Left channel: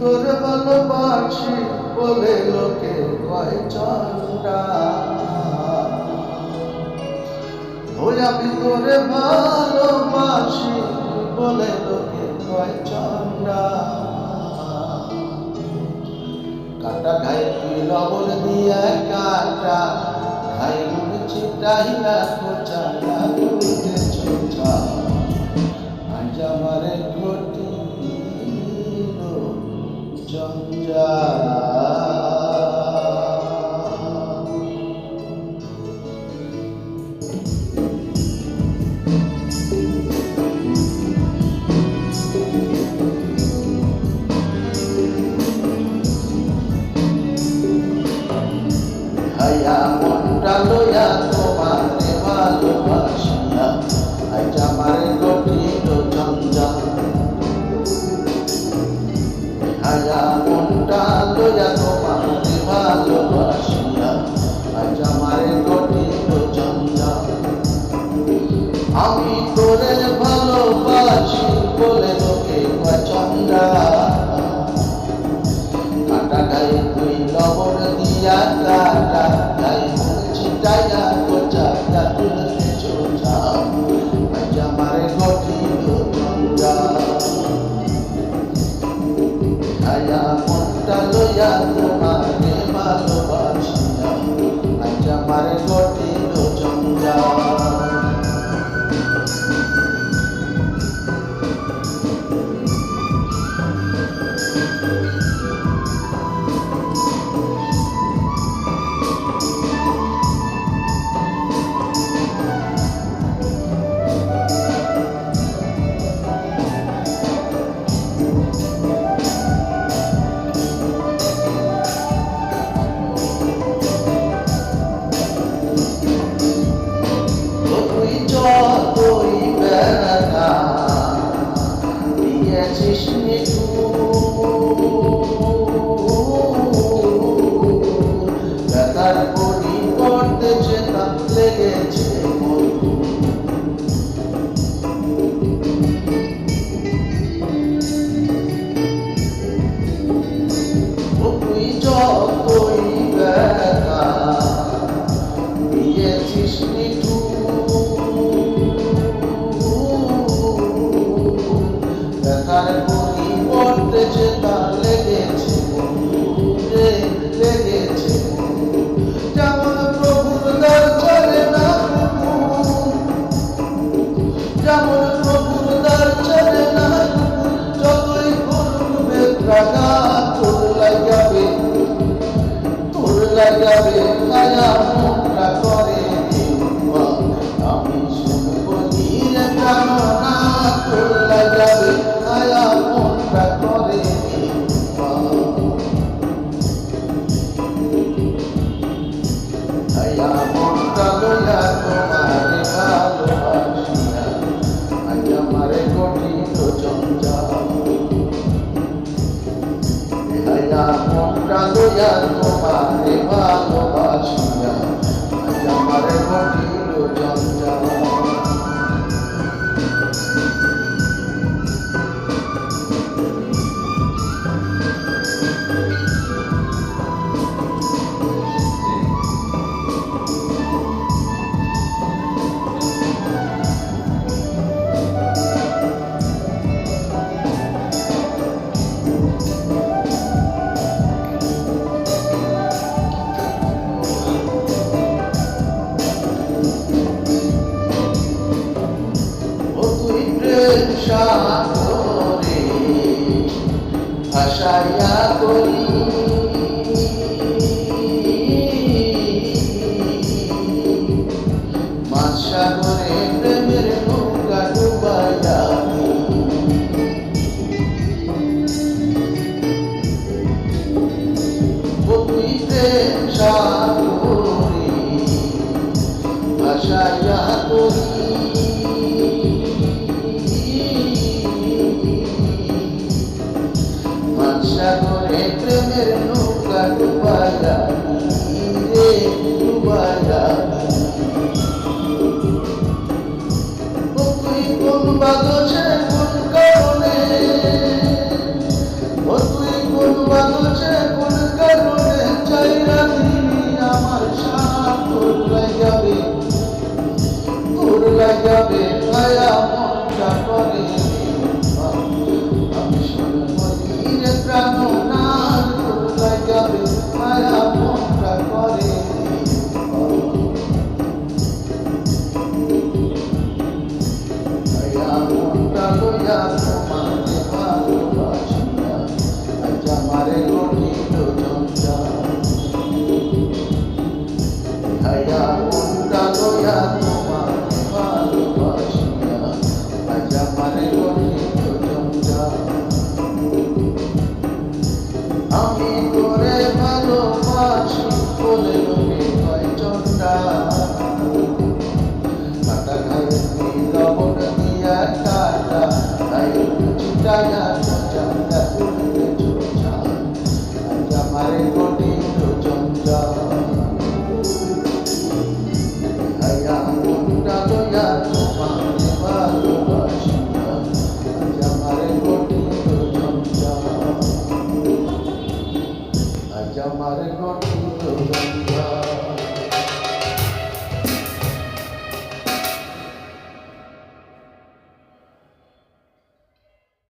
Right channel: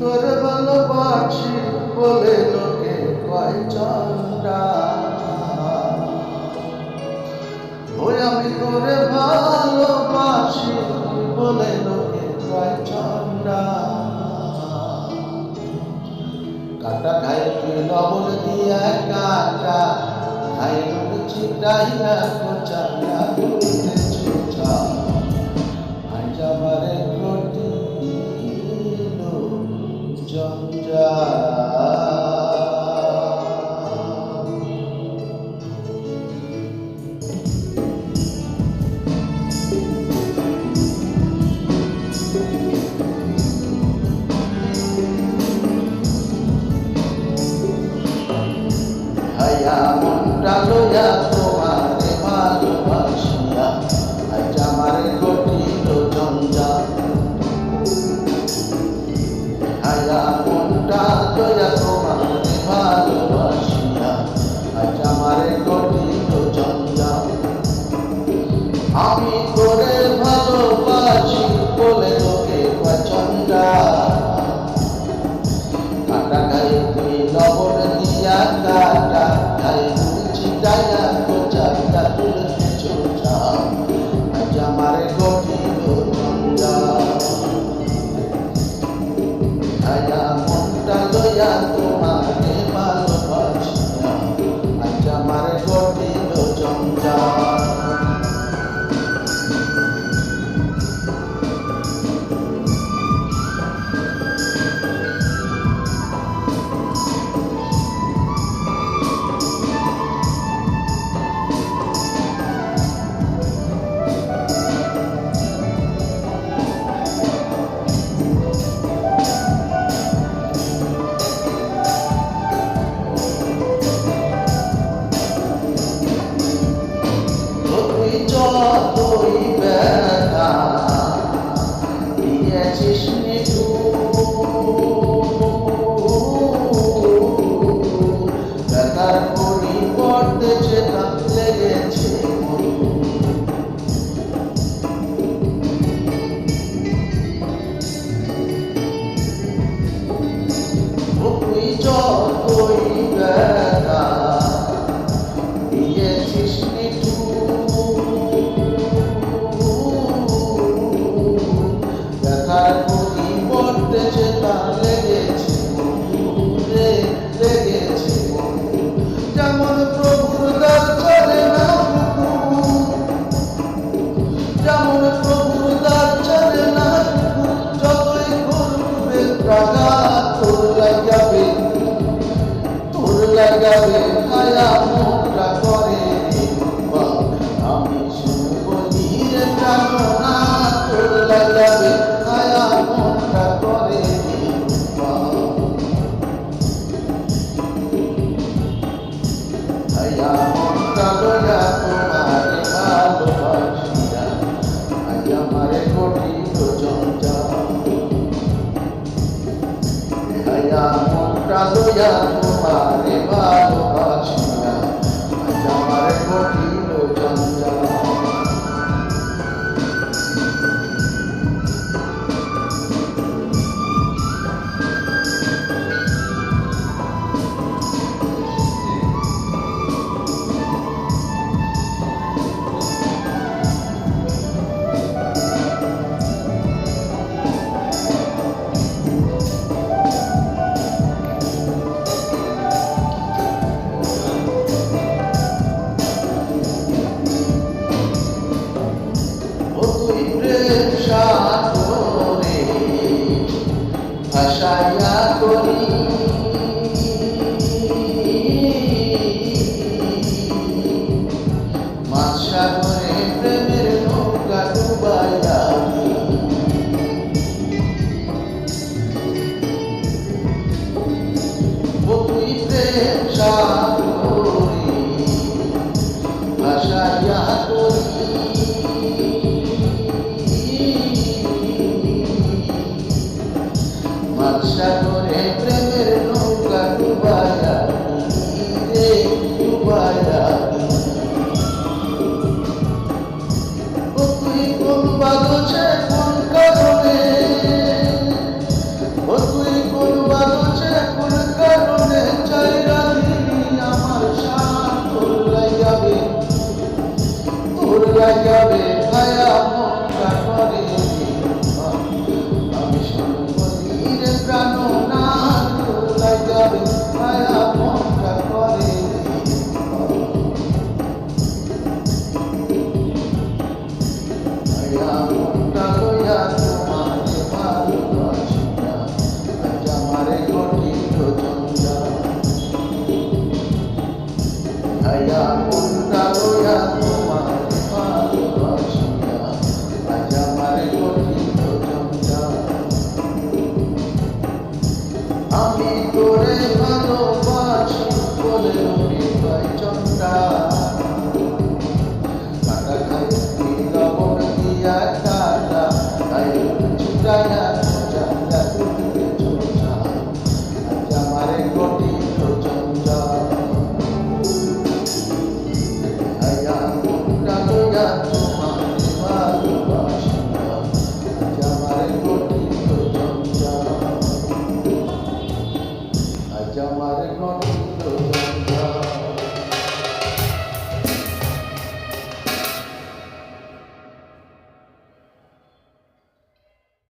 তোর ভালোবাসি বলে লোকে কয় চন্ডা, ওই আমি তোরে ভালোবাসি বলে লোকে কয় চন্ডা। কাটা ঘায়ে তুই লবণ দিয়া কাটা ঘায়ে নুন ছিটাইয়া কোচাইয়া করতে ছোটা, আজ আমারে ঘটিল জঞ্জাল। হায়া মনটা লইয়া তোমারে ভালোবাসিয়া আজ আমারে ঘটিল জঞ্জাল। হায়া মনটা লইয়া তোমারে ভালোবাসিয়া আজ আমারে ঘটিল জঞ্জাল। আমি তোরে ভালোবাসি বলে লোকে কয় চন্ডা, কাটা গায়ে তুই লবণ দিয়া কাটা গায়ে নুন ছিটাইয়া কোচাইয়া তুলতে ছোটা, আজ আমারে ঘটিল জঞ্জাল। হায়া মনটা লইয়া তোমারে ভালোবাসিয়া আজ আমারে ঘটিল জঞ্জাল। যতই ব্যথা দিয়েছিস নিঠুর, ব্যথার পরিবর্তে চেতা লেগেছে তুই যতই ব্যথা দিয়েছিস ব্যথার পরিবর্তে চেতা লেগেছে রে লেগেছে। যেমন প্রভুর দ্বার চলে না কুকুর, যেমন প্রভুর দ্বার চলে না কুকুর, যতই ঘুরবে রাগা তোর লাগাবে মায়া মুখটা করে রে উপা। আমি শুনবো ধীরে প্রাণনা তোর লাগাবে মায়া মুখটা করে রে উপা। হায়া মনটা লইয়া তোমারে ভালোবাসিয়া আজ আমারে ঘটিল জঞ্জাল। হায়া মনটা লইয়া তোমারে ভালোবাসিয়া আজ আমারে ঘটিল জঞ্জাল। সাগরে ভাসাইয়া করি মাছ সাগরে প্রেমের নৌকা ডুবাইয়া তুই প্রেম সাগরে ভাসাইয়া করি সাগরে হাইয়া মনটা লইয়া তোমারে ভালোবাসিয়া আজ আমারে ঘটিল জঞ্জাল হাইয়া মনটা লইয়া তোমারে ভালোবাসিয়া আজ আমারে ঘটিল জঞ্জাল আমি তোরে ভালোবাসি বলে লোকে ভাই চন্ডা কাটা খাই লবণ দিয়া